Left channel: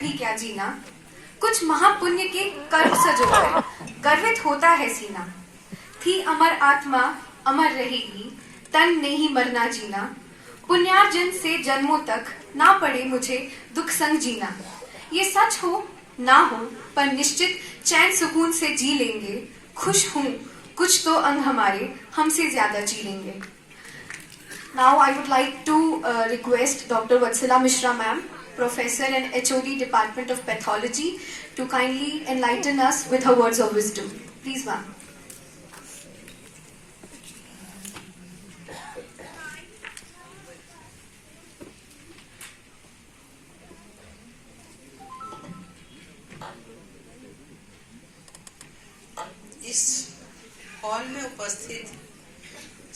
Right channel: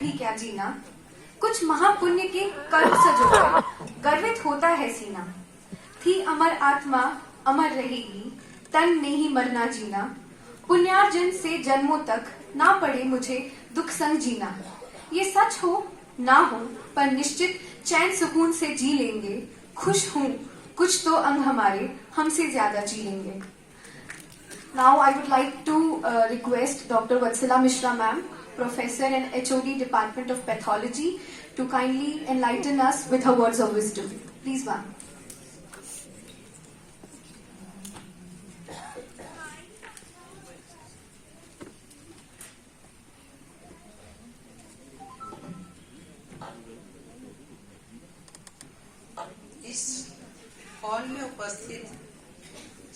भी क्या जीना, कुछ महापुण्य के कर्म सजोकर गर्वित होता है सीना। थी अमर आत्मा अमर रहेगी, तन नहीं मरना जीना। पुण्यार्जन से जन्मों तक ना पड़े मुझे दुख संग जीना। ये सच हो ना हो पर निश्चित चैन सुकून से जी लेंगे। खुश हूं कुछ तो अंग हमारे हमसे ज्यादा जी लेंगे। Now I would like to request Dr. Vatsala Mishra ma'am, Professor and HOD Department of Pathology, to kindly enlighten us with her words of wisdom. Please ma'am. इस हॉल में उपस्थित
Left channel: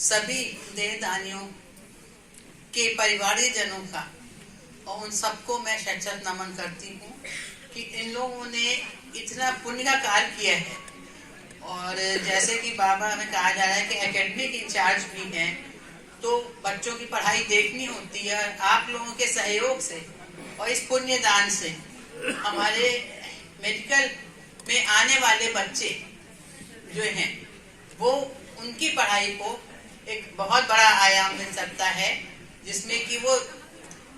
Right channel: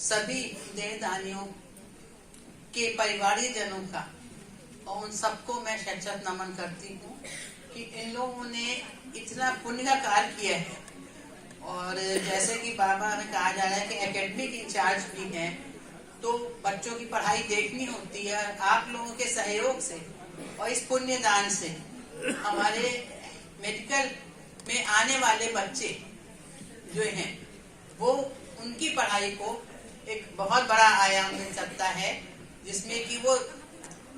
सभी देहदानियों के परिवारजनों का और उन सबको मैं शत नमन करती हूँ कि इन लोगों ने इतना पुण्य का कार्य किया है। और जैसे कि बाबा में कहा जा रहा है कि एकेडमिक इंचार्ज भी हैं, तो बच्चों की पढ़ाई देखनी होती है। आप लोगों के सहयोग से और इस पुण्य दान से हमारे मेडिकल में आने वाले बच्चे जो हैं वो उनकी पढ़ाई को एक बहुत बड़ा आयाम मिल सकता है, जिसमें कि वो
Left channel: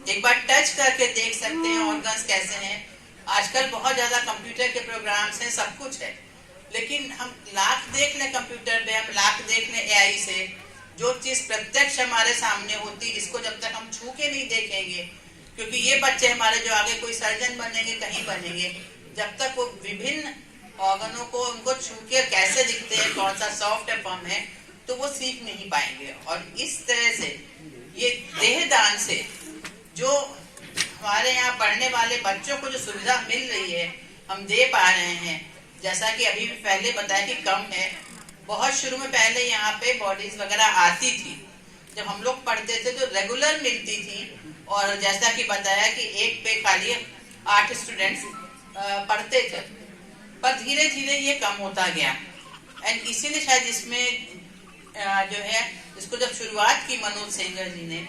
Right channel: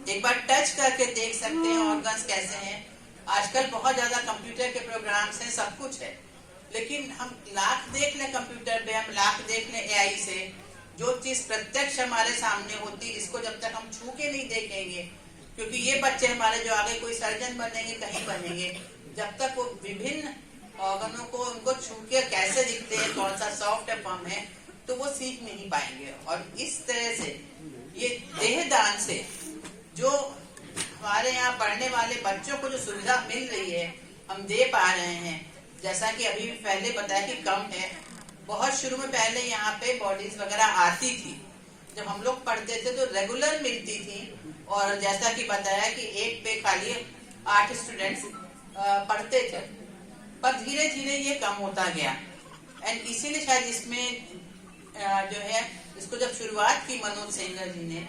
एक बार टच करके देख सकते हैं ऑर्गन्स कैसे हैं। आजकल बहुत ज्यादा कंप्यूटर के प्रोग्राम्स हैं, सब कुछ है, लेकिन हम लाख देख लें कंप्यूटर पे, हम लाख देख लें एआई से, जो चीज प्रत्यक्ष हमारे सामने होती है इसको जब तक हम छू के नहीं देखेंगे, क्योंकि ये बच्चे हमारे जो आगे कोई सर्जन बनेंगे, कहीं बनेंगे, जब तक वो विभिन्न ऑर्गनों को उनको छू के कैसे दिखते हैं, कौन सा सॉफ्ट है फर्म है, तो वो सीख नहीं पाएंगे। और इस तरह से ये देहदान से जो हमारे यहाँ पढ़ने वाले बच्चों को जो सुविधा मिल रही है हम दे पा रहे हैं। जैसा कि अभी पहले बताया कि कम है, बहुत शुरू में पहले यहाँ पे बॉडीज वगैरह आती थी, जब हम लोग पढ़ते थे तो रेगुलर मिलती थी। और जैसा कि बताया कि एक पे खाली 8 स्टूडेंट्स पढ़ते थे, पर धीरे धीरे ये कम होता गया। एंड इसीलिए शायद इसमें जो है इसको जब शुरुआत की मनोज सेंगर जी ने,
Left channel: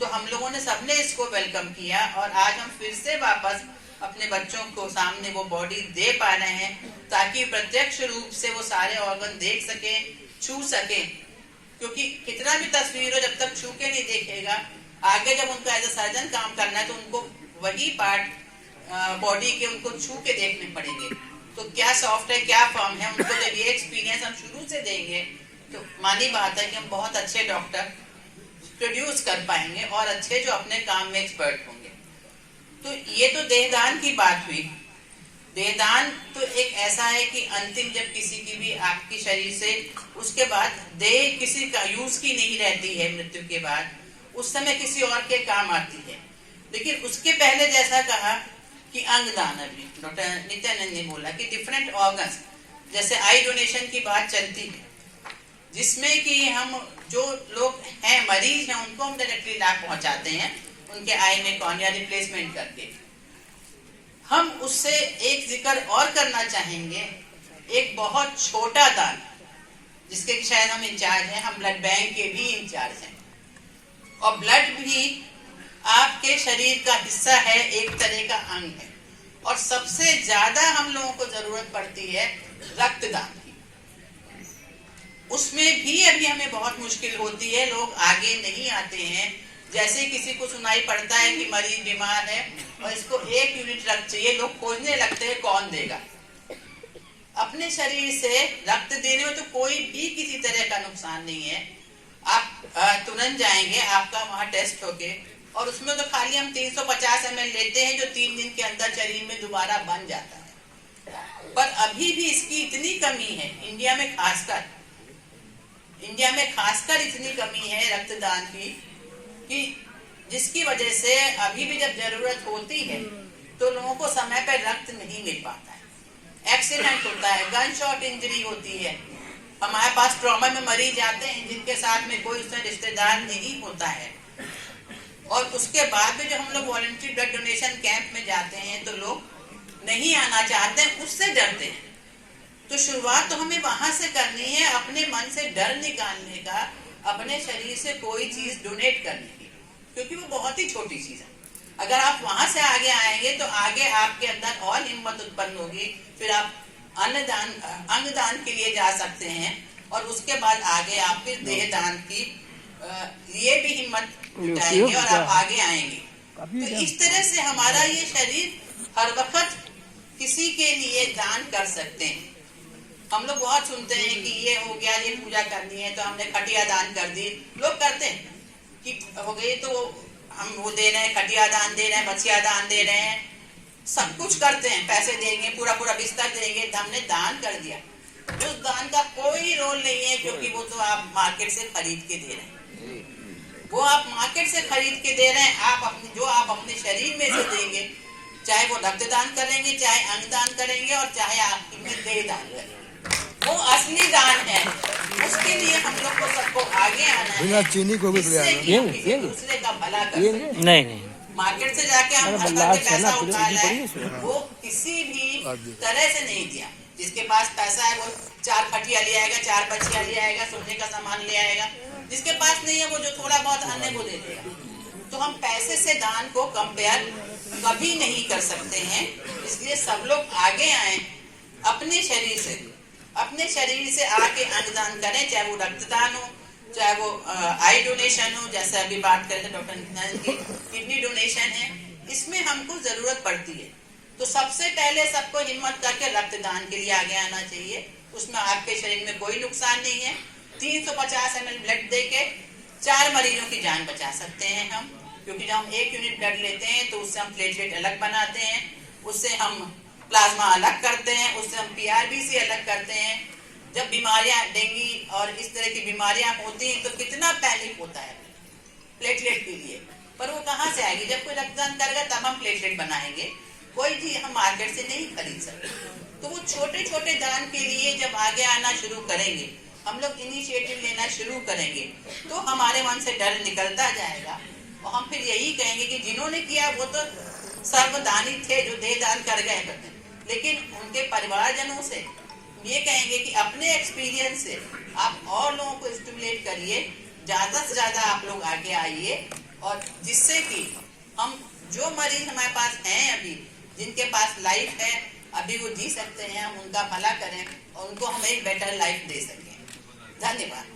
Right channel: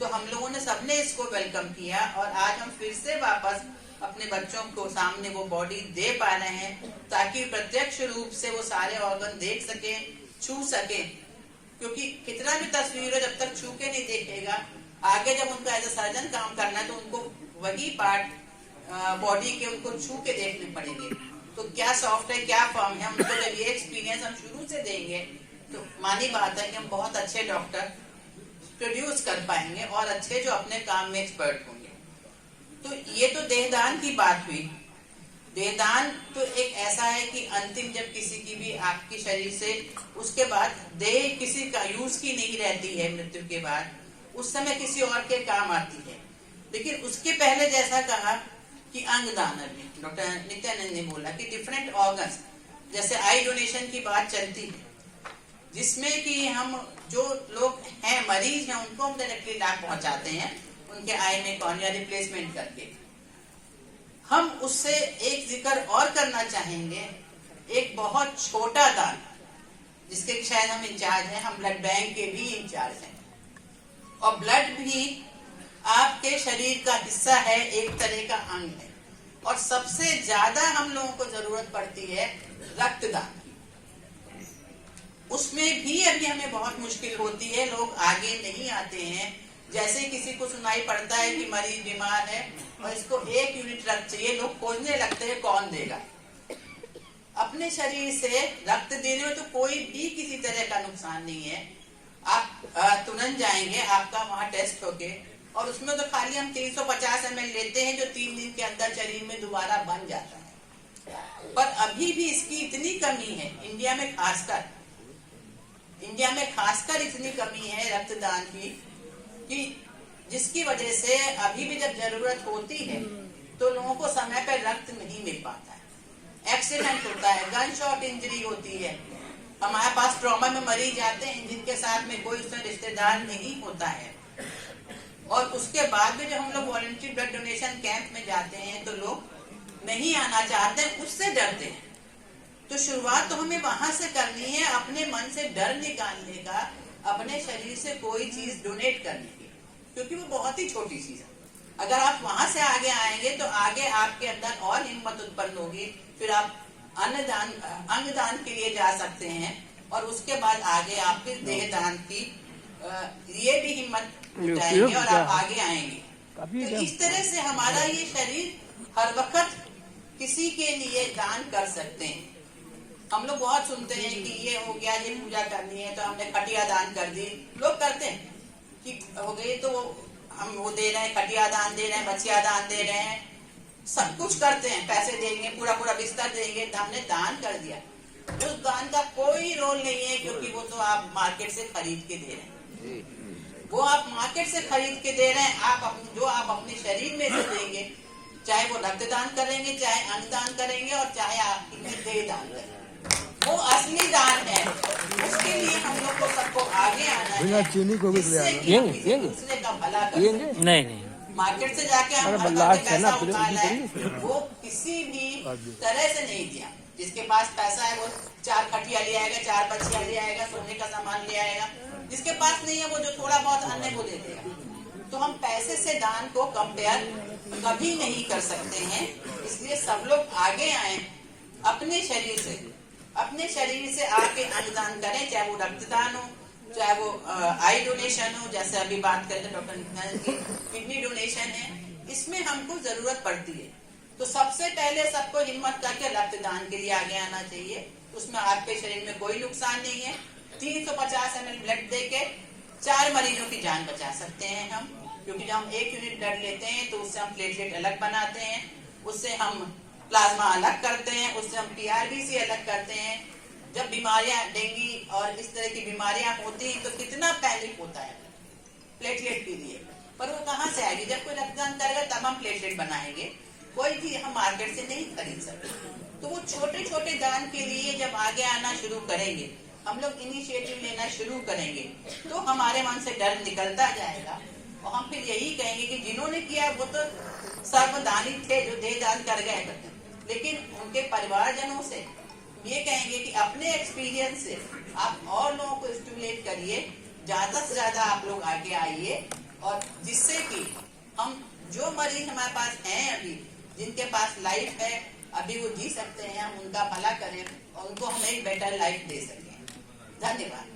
तो हम लोगों ने सबने इसको वेलकम किया और आज हम फिर से वापस अपने बच्चों को सामने वो बॉडी दे पा रहे हैं, ताकि प्रत्यक्ष रूप से वो सारे ऑर्गन देख सकें, छू सकें। क्योंकि कितना भी तस्वीर हो, जब तक छू के नहीं देखेगा, आगे जब उनको एज ए सर्जन काम करना है तो उनको वही पार्ट बॉडी के उनको छू के देखने पड़ेंगे। तो क्या सॉफ्ट है, क्या फर्म है, उनको जब ये एक्सपीरियंस हम शुरू से देंगे तो मानी बात है कि हम बहुत अच्छे डॉक्टर प्रोड्यूस कर पाएंगे और अच्छे जो अपने काम में एक्सपर्ट होंगे। तो ये तो देहदान की बात हुई। देहदान तो एक ऐसा है कि अंतिम जब किसी की भी आपकी शरीर से उसके बाद देह किसी का यूज की नहीं रहती है, मृत्यु के बाद उस समय किसी और के काम आती है। लेकिन उसके पहले जैसा कहा कि अंगदान, अभी डॉक्टर नित्यानंद ने बोला कि डिफरेंट ऑर्गन्स, जैसे आई डोनेशन की बात चलती है, जिसमें कि हम जो लोग हैं मरीज हैं उनको हम डायरेक्टली लाभ पहुंचाते हैं उनके आई में कॉर्निया रिप्लेसमेंट करके। हम उससे एक जिक्र और करना चाहेंगे, एक बहुत छोटा दान जिसके कि शायद हम इंचार्ज हैं, हम ब्लड बैंक के भी इंचार्ज हैं। और ब्लड भी आपके शरीर का हिस्सा है, एक तरह का अंग है, और सबसे ज्यादा हम लोगों को जरूरत पड़ती है रक्तदान की। उसमें भी अभी हमें बहुत मुश्किल होती है, लोग आगे नहीं आते हैं। जैसे किसी को सुनाई पड़ता है कि मरीज बीमार है और इसको 1 यूनिट रक्त चाहिए, लोग खोजने लगते हैं कौन देगा। अपने शरीर से रक्त देने में तो कोई भी किसी तरह का नुकसान नहीं है। आप तुरंत जाएंगे, आपका वहां टेस्ट होके, और उसमें तो खाली हम 350 ml लेते हैं जो 3 दिन के अंदर शरीर में दोबारा बन जाता है। पर अभी भी इसकी इतनी कमी है इंडिया में खासकर इतनी कमी है रक्तदान की, कि जिसकी वजह से अभी भी जब जरूरत होती है तो लोगों को समय पर रक्त नहीं मिल पाता है। एक्सीडेंट होता है, गन शॉट इंजरी होती है। हमारे पास ट्रॉमा में मरीज आते हैं जिनके साथ में कोई उसमें रिश्तेदार नहीं होता है, और उसके बाद भी जब हम लोग वॉलंटरी ब्लड डोनेशन कैंप में जाते हैं तो लोग नहीं आना चाहते हैं, उससे डरते हैं। तो शुरुआत तो हमें वहां से करनी है, अपने मन से डर निकालने का, अपने शरीर से कोई चीज डोनेट करने की, क्योंकि वो बहुत ही छोटी चीज है। अगर आप वहां से आगे आएंगे तो आगे आपके अंदर और हिम्मत उत्पन्न होगी, फिर आप अंगदान के लिए जा सकते हैं और उसके बाद आगे आप फिर देहदान की लिए भी हिम्मत जुटाएंगे और आप आगे आएंगे। तो इस तरह से हमारा ये शरीर हर वक्त किसी के लिए दान कर सकते हैं। हम लोग बहुत सुनते हैं कि ये हो गया, ये पूजा करनी है तो हमने खटिया दान कर दी। लोग करते हैं कि हो गई तो हम वो दे रहे हैं, खटिया दान दे रहे हैं, बचिया दान दे रहे हैं, सब कुछ करते हैं, पैसे देंगे, पूरा पूरा बिस्तर देंगे, तो हमने दान कर दिया। उस दान का कोई रोल नहीं है, क्योंकि वो तो आप मार्केट से खरीद के दे रहे हैं। वो आप मार्केट से खरीद के दे रहे हैं। आप अपने शरीर में से देंगे, चाहे वो रक्तदान करेंगे, चाहे अंगदान करेंगे और चाहे आप देह दान करेंगे, वो असली दान है। उसके लिए हम लोग को सबको आगे आना है, चीनी को भी दूसरे का भला कर। नहीं मार्केट से जाके हम पैसा उठा लाए, वो किसी भी तरह से नहीं दिया। जिसके पास पैसा है वो 4 खटिया ले आएगा, 4 बचिया ले आएगा, सोने का सामान ले आएगा। जिसके पास नहीं है वो जो थोड़ा बहुत अन्य को दे देगा। तो हम पैसे से दान को कंपेयर कभी नहीं कर सकते हैं। इसलिए सब लोग आगे आए, अपने शरीर से आके अंगदान करें, चाहे वो रक्तदान हो, चाहे वो आई डोनेशन हो, जैसे अभी बात करें डॉक्टर नित्यानंद की किडनी डोनेशन है, इसमें हमको जरूरत पड़ती है। तो सबसे पहले सबको हिम्मत करके रक्तदान के लिए आगे आना चाहिए। उसमें आपके शरीर में कोई नुकसान नहीं है। 350 ml ब्लड देके 4 मरीजों की जान बचा सकते हैं हम, क्योंकि जब हम 1 यूनिट ब्लड लेते हैं तो उससे हम प्लेटलेट अलग बनाते हैं, उससे हम प्लाज्मा अलग करते हैं, उससे हम PRBC अलग करते हैं। जब बीमारियां डेंगू और इस तरह की बीमारियां होती हैं तो कितना पैनिक होता है प्लेटलेट के लिए, पर वो कहाँ से आएगी? जब कोई रक्तदान करेगा तब हम प्लेटलेट बनाएंगे। कोई चीज हम मार्केट से नहीं खरीद सकते। तो वो छोटे छोटे दान के लिए जब आगे आना शुरू करेंगे, हम लोग इनिशिएटिव लेना शुरू करेंगे, तो हमारे मन से डर निकलता जाएगा और हम फिर यही कहेंगे कि जिन्होंने किया वो तो सर्वदानी थे, जो देह दान कर गए। लेकिन उनके परिवारजनों से ये कहेंगे कि अपने एक्सपीरियंस से आप और लोगों को स्टिमुलेट करिए, ज्यादा से ज्यादा आप लोग आगे आइए, और जिससे कि हम जो मरीज हमारे पास हैं अभी, जिनके पास लाइफ है अभी, वो जी सकते हैं, हम उनका भला करें और उनको हम एक बेटर लाइफ दे सकें। धन्यवाद।